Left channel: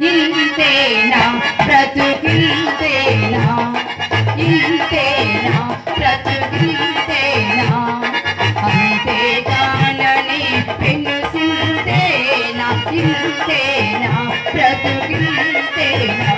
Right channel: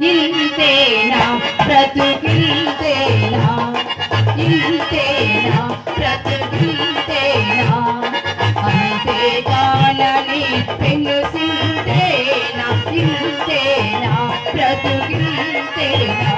ఇంతేనా బ్రతుకింతేనా ఇంతేనా బ్రతుకింతేనా అంతేగానని పెనుసింతేనా ఇంతేనా బ్రతుకింతేనా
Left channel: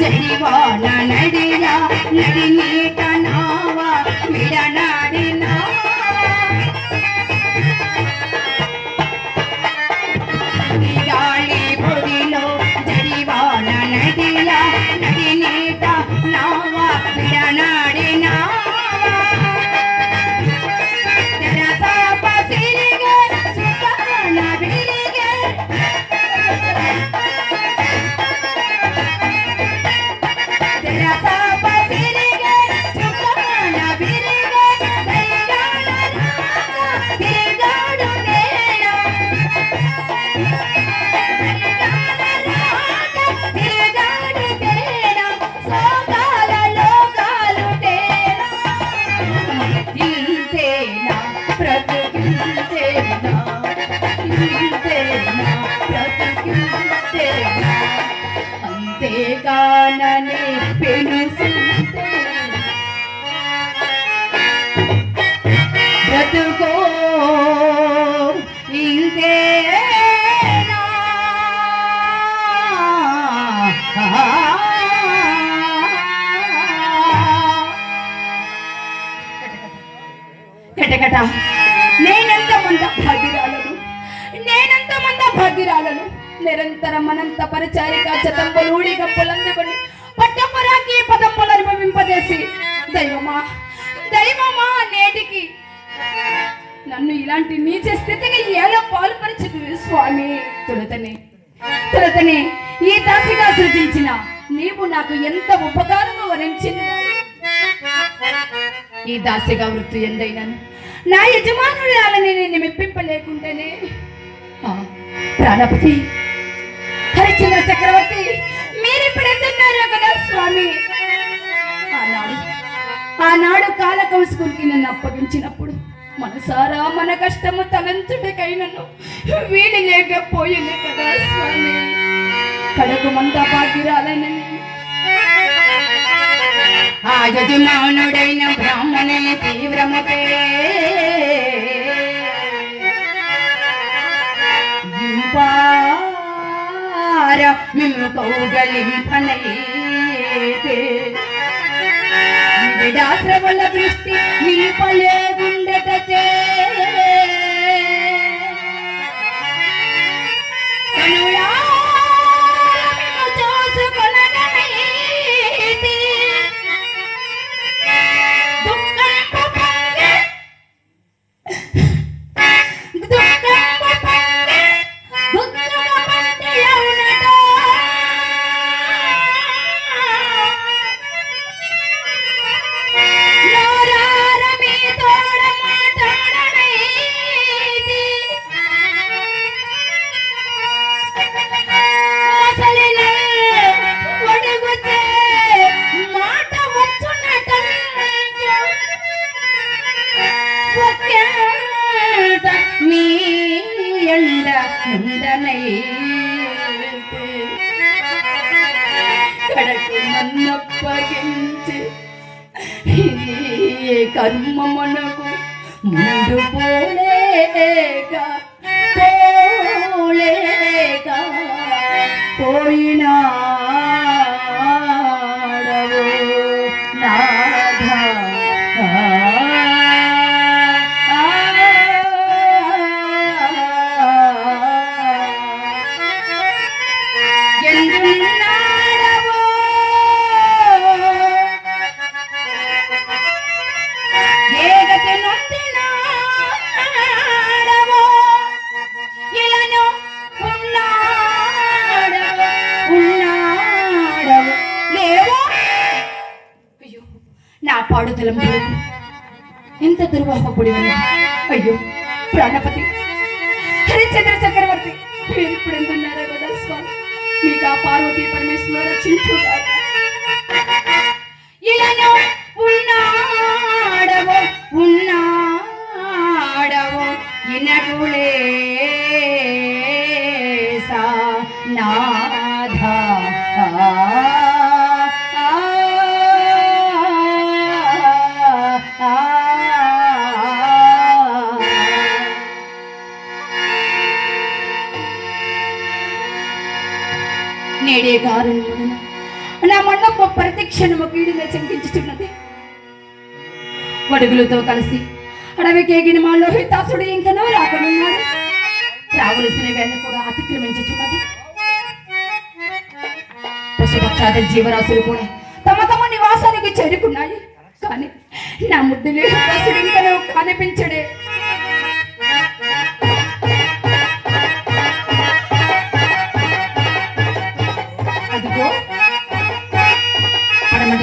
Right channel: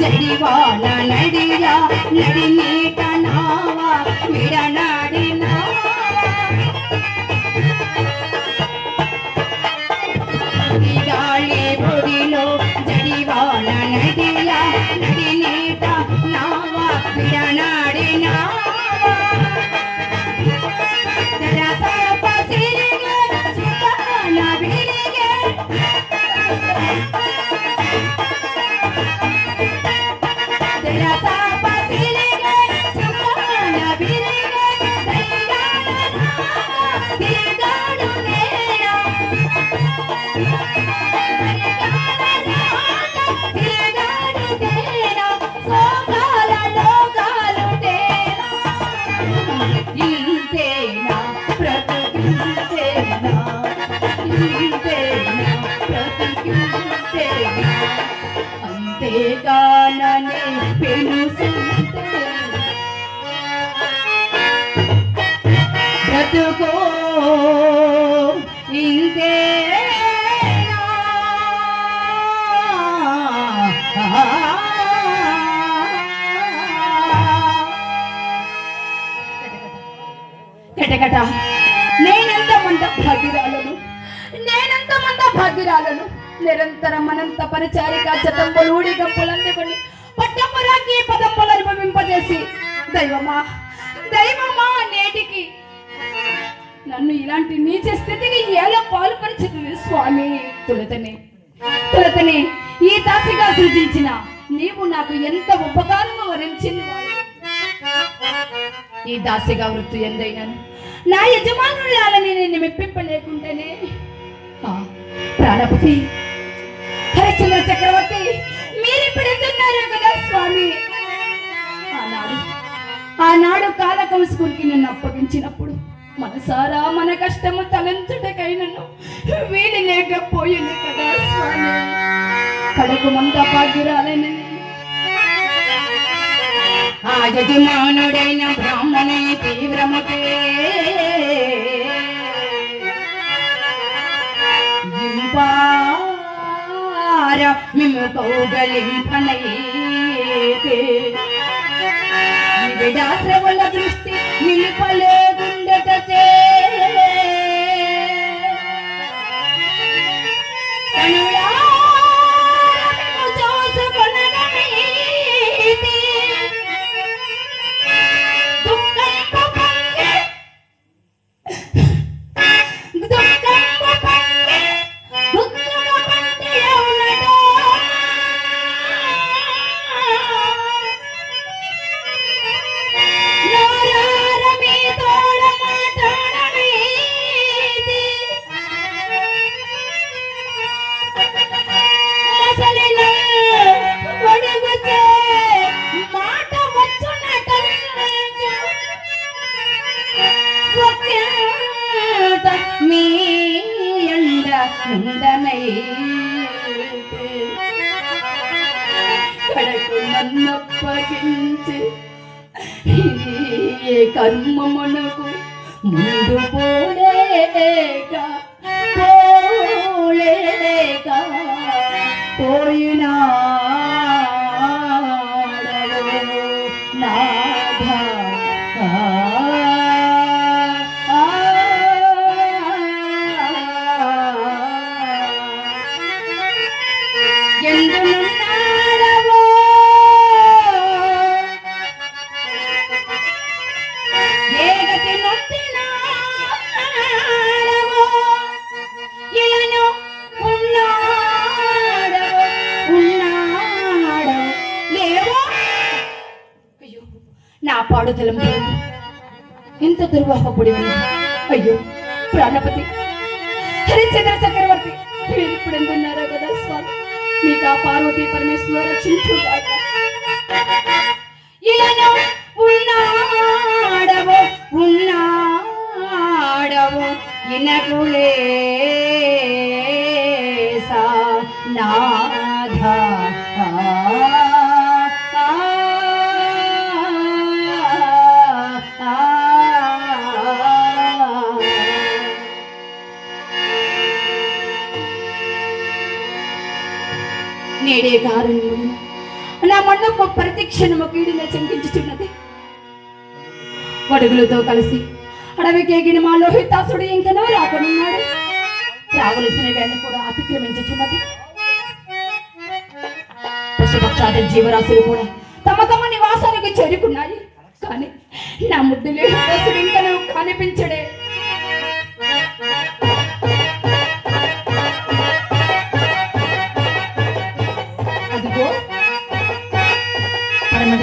జడివాన నడిరా నడి నీట నావా విడనాడినా గాలి బొడిలో జడివాన నడిరా నడి నీట నావా విడనాడినా తెరసాప సిరిగే చిన్న విరిగే అంతేగాననే పెనుసింతే బ్రతుకో ఇంతేనా కటకట నేనెంత మంద భాగ్యురాలను నిరంతరం అనంత పరిచారిక చతంబులు ఊడి గంపులు అందుకొని పట్టపురాకి పదంబులు అనుభవింపజేసి దైవమా నేటికి నన్ను ఇలాంటి నీచ స్థితికి ఎలా పాల్పరిచింది స్వామి. తొలతనే ఈ దాసిగా సృజించిన నీవు నాకు ఎంత ఉపకారము వరించింది. ఈ దాసిగా వృత్తి ఎందైనాను నా యజమానురాలని నేను మెప్పింపలేకుండానే ప్రాణపతి హరిశ్చంద్ర చక్రవర్తి మీరిప్పుడు ఎందున్నారు కదా స్వామి. ఆనాడు కాలకం స్కూల్కి నన్ను అప్పగించినప్పుడు మనసారా మన కష్టము తలంచుటకైనను వీడి లేకపోయింది కదా స్వామి. కడకు మంద భాగ్యురాలని ఆ యజమానుడైన బ్రాహ్మణే తీవ్రమతే మిమ్ము కౌగలింపనైతే విడాశ్రవల దృష్టి నిలిపలేగుండటచే కడకు నన్నప్పగించి కర్మమునకు ముందు పోలేక పోలేక పోయినాడవో నాథ. ఎందునున్నాడవో ఏ గతి నొందినాడవో ఇలను ఉన్నాడవో లేవో. అయ్యో నా పాడుదలం లేదు, ఎంత దుర్వాహపడి ఉంది. అయ్యో ప్రాణపతి హరిచంద్ర చక్రవర్తి మీరు ఇప్పుడు ఎందున్నారా కదా స్వామి, మీకు ఆ పార్వతీ పరమేశ్వర రక్షించుగాక. ఇలను ఉన్నాడవో ఉన్నాడవో ఇనకులేసా నాథ. నేడే కారణమున నా మండప ప్రతిక్షణము కీడిన శంకించుచున్నది. వడుగులతో కలిసి అడవికేగిన మా లోహితాసుడు ఇంకనూ రాకనున్నాడు. రావలసిన వేళ కూడా అతిక్రమించుచున్నది. పశుపక్షాది జీవరాశులు కూడా తమ తమ నివాసానికి చేరుకున్నాయి. కానీ నా ముద్దు లోహితాసుడు ఇంకనూ కనిపించడే.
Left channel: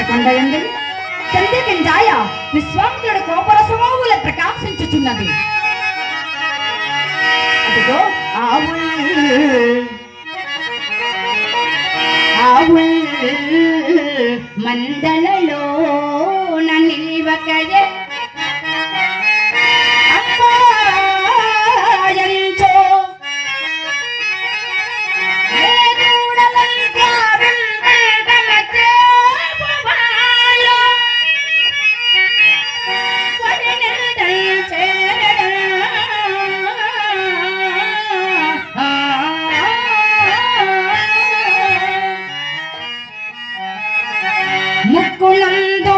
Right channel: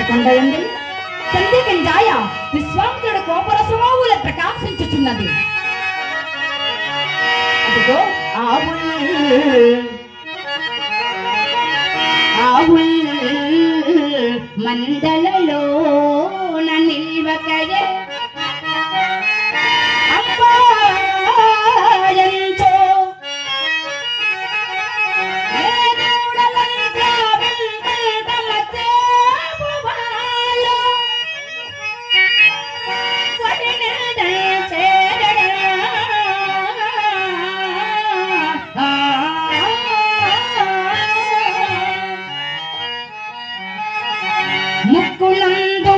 కొండయందు సంధ్యకింజాయ విశ్వామిత్రుడు కోపరసమోగుల ప్రకాశించుచున్నది. అదిగో మందలలో నిల్వకయే ముక్కులందు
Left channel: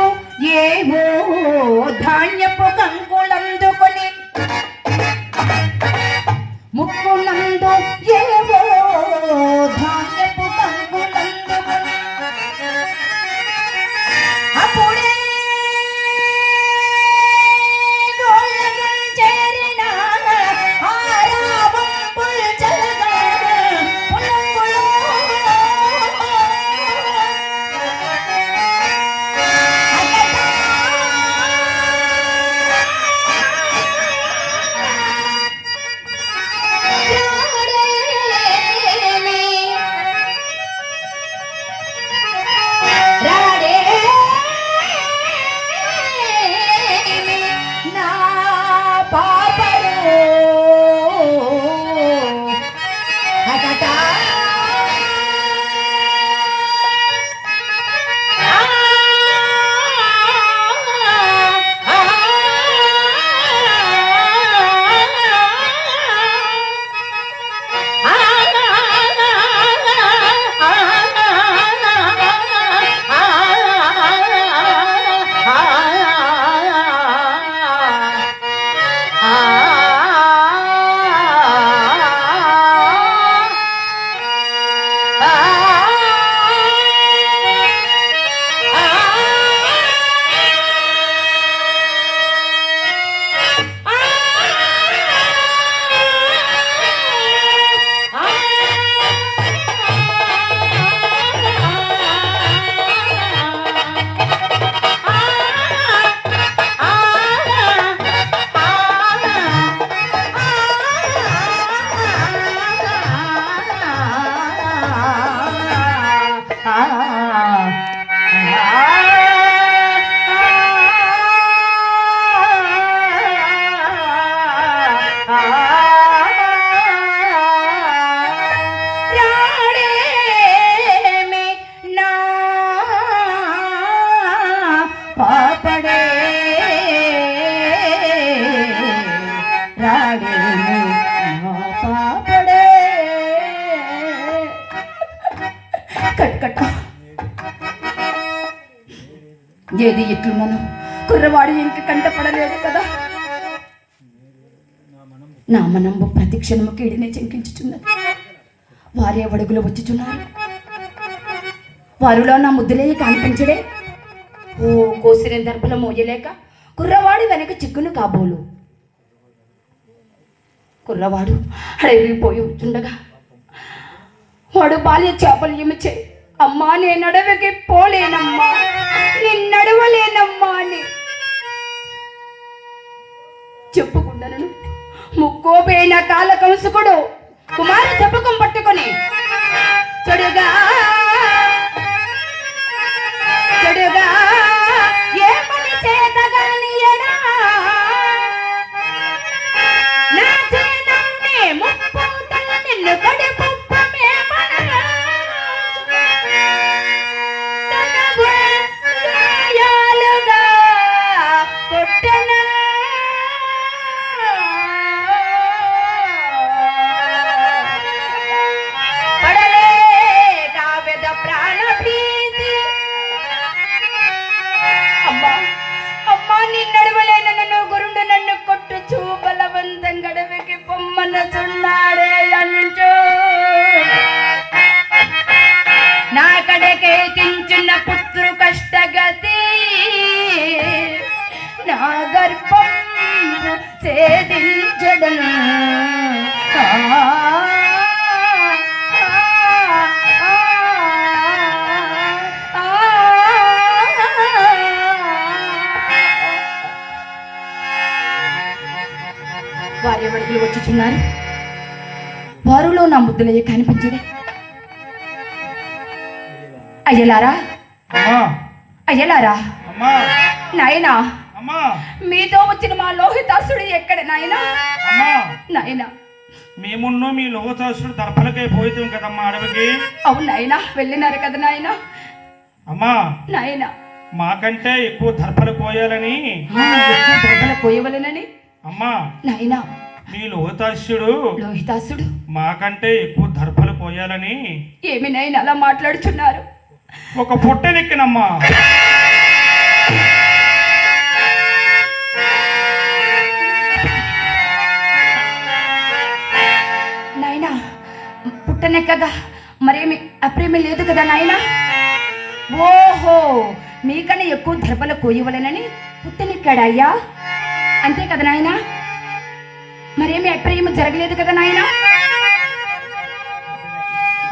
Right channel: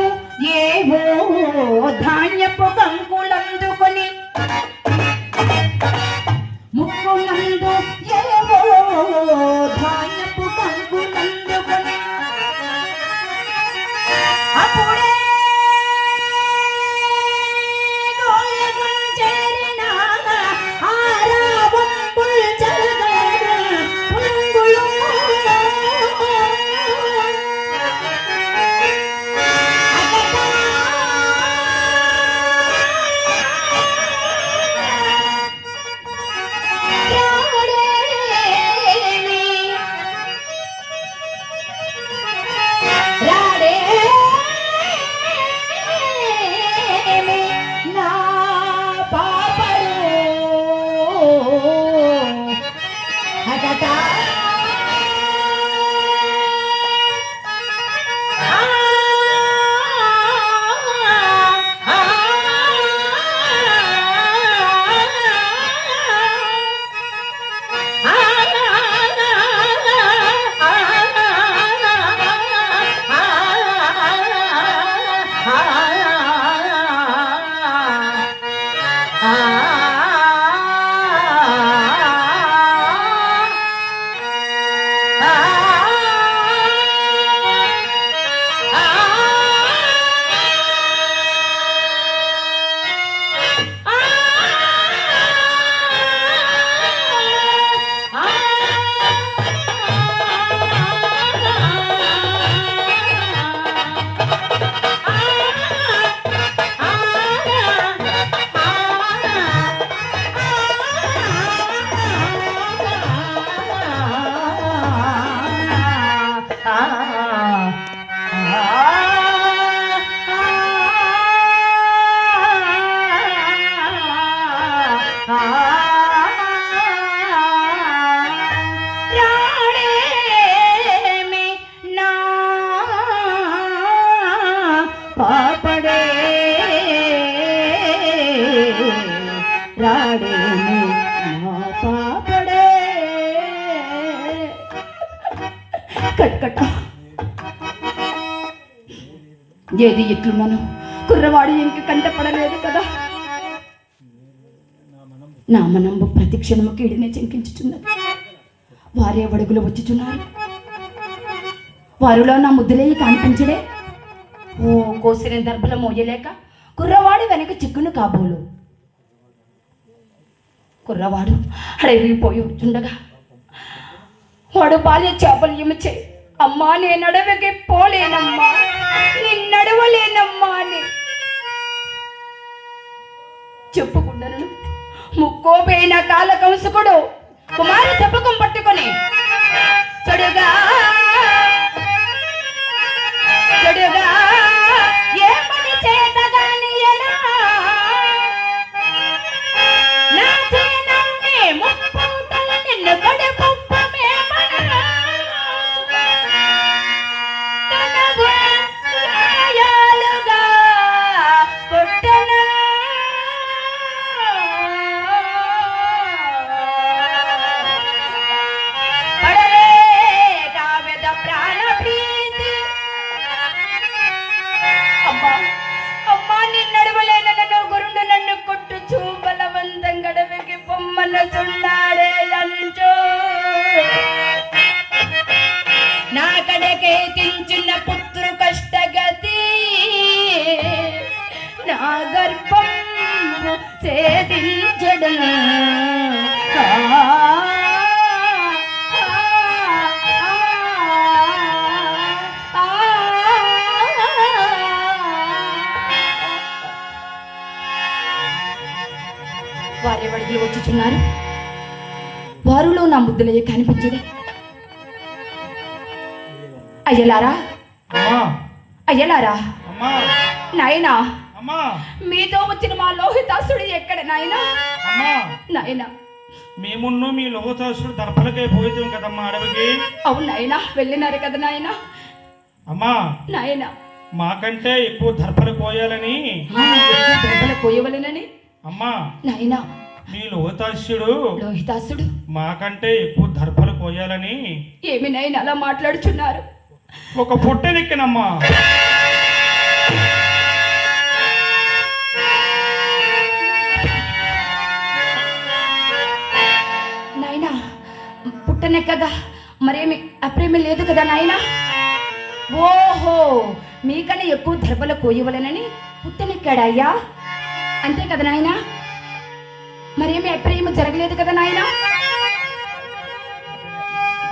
ఏవో ధాన్యపు కంకులందుకొని ముక్కులందు ఏవో ధాన్యపు కంకులందుకొని అప్పుడే చేరిన ఆరాబంపుల్ జలగాడు పులంగులో వాడేమి నా పాపడే. కట్కట ఏది ఎట్లున్నాను, కుర్రవాడు ఇంక కంటపడలేదు కదా. నా మనంబు ప్రతి క్షణము కీడినే చెంకించుచున్నది. వారే అడుగులు వచ్చుచున్నారు. వారిలో నా ముద్దులే కనిపించడే. ఓ కోసిన దర్భల మోయలేక కుర్రవాడు వెనక చిక్కును కాబోలు. కుర్రవాడు అడవిపోయి వచ్చుండగా వాడు బాల్య చాపల్యమిచ్చే, అమ్మా నేను అడవికి పోలేనమ్మా, నిన్నడవలేనమ్మా అని చెప్పుకుంటాను. ముక్కోపోయిన కాల కంసుకుడు కుమార చెప్పకం పట్టుకొని చెడుగా చెడుగా ఏ పని చేతగాని ఎడా నా చేనన్నే ముప్పూటల నిన్ను కడుపుప్పమే మనలా తనవు గాయాలుగా కొట్టన పడలే కావ్యద ప్రాణ ప్రీతి. అమ్మా అమ్మా నిన్నడవలేన నన్ను గురుడు నన్ను కొట్టుచూ బలవంతం గడవికి పొమ్మనుచున్నాడే అంటూ నా కడకే తించున్న పుత్రు కష్టగతి నా గర్భం ఛేదించడం. వారి అడుగులు వచ్చుచున్నారు. వారిలో నా ముద్దులయ్య కనిపించడే. అయ్యలారా అయ్యలారా నాయనా, మీతో వచ్చిన మా లోహితాసుడు ఎక్కడ నాయనా? నాయనా మేమున్నో మీ లోహితాసుడు దర్భలకై పోయితాం కదమ్మా అడవికి. అవును నాయనా, వెళ్ళినారు కదా నాయనా. అమ్మా నాయనా మాకంటే ఎక్కువ దర్భలు కోయాలని, దర్భలు కోయవలెనని. అమ్మా నాయనా మీ లోహితాసుడు మాకంటే ఎక్కువ దర్భలు కోయాలని. ఏమి నాయనా అలా మాట్లాడుచున్నారు? ఒక పొట్టెనెక్కినమ్మా. నాయనా పుట్టనే కదా, మరేమి అప్రేమి లేదు కదా నాయనా? ఓహో, మీకన్నా ఎక్కువ దర్భలు కోయవలెనని పుట్టనెక్కాడయ్యా, అంతే కదా నాయనా? మరేమి అప్రేమ జరగలేదు కదా నాయనా?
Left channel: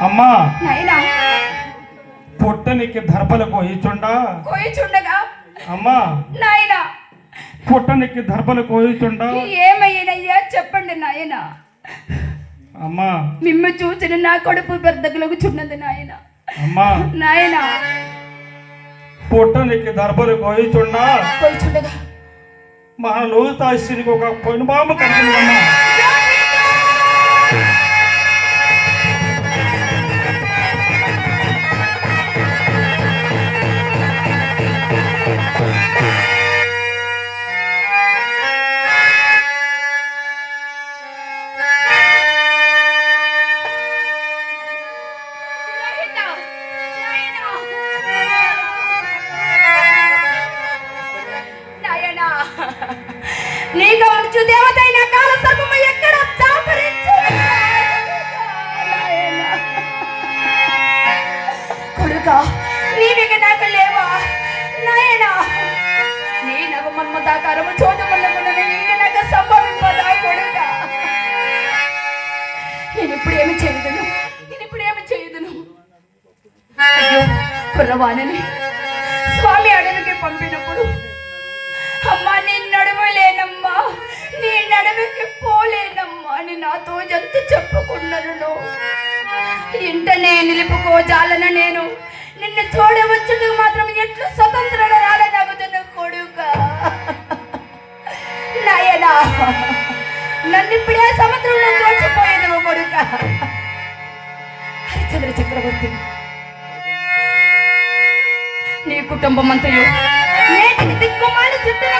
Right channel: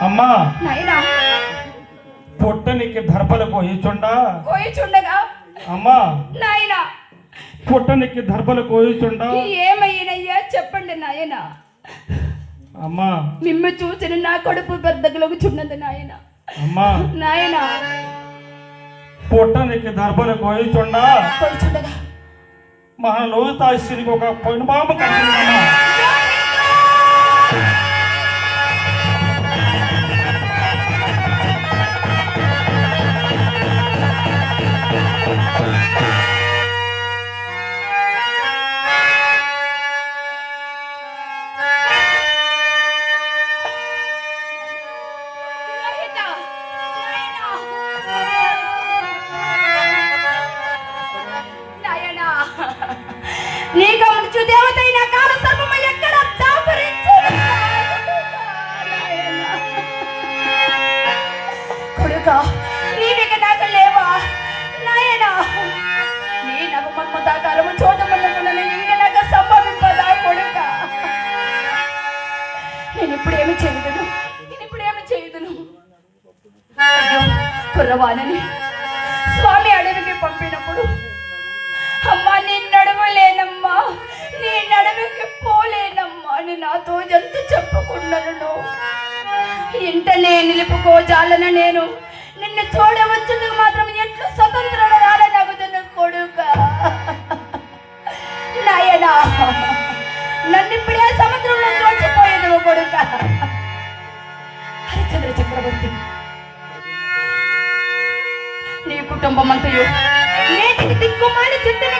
అమ్మా నాయనా పొట్టనికి దర్భలు కోయిచుండగా అమ్మా నాయనా పొట్టనికి దర్భలు కోయిచుండా ఏమయ్యనయ్యా చెప్పండి నాయనా. అమ్మా మిమ్ము చూసిన నా కడుపు పెద్దగులకు చున్నది నాయన. అమ్మా నాయనా పొట్టనికి దర్భలు కోయిచుండగా మన లోహితాశ్వరికి ఒక పొనుబాబు కలిగిందమ్మా. నీకు మృత్యు దేవతైన కాల సర్పము ఎక్కడ దాపరించు కొడుకా, నీవిక నాకు లేవా నాయనా? నీ నవమన్ము దాకారము చోటమన్నమునని ఇంక నాకు సంభవింపదా కొడుకా? నేనిప్పుడేమి చేయదును, అయ్యో కుర్రవాణని స్వామి అడవికి పంపినప్పుడు, అమ్మా నీ నడవలేనమ్మా, నీ నడవికి పోలేనమ్మా అని నాతో ఎంత చెప్పుకున్నాను. ఇంటనే నిలుపుకోజాలన నేను నిన్ను చూడవచ్చును మాత్రం ఎట్లు స్వతంత్రురాలనగుతున్న కొడుకా. నాయనా నన్ను ఇప్పుడే సముద్రంలో తోచిపోయేదవు కొడుకా. హరిచంద్ర చక్రవర్తి నీ కుటుంబం అంతయు నేటికి దిక్కుమాలి చెట్టిన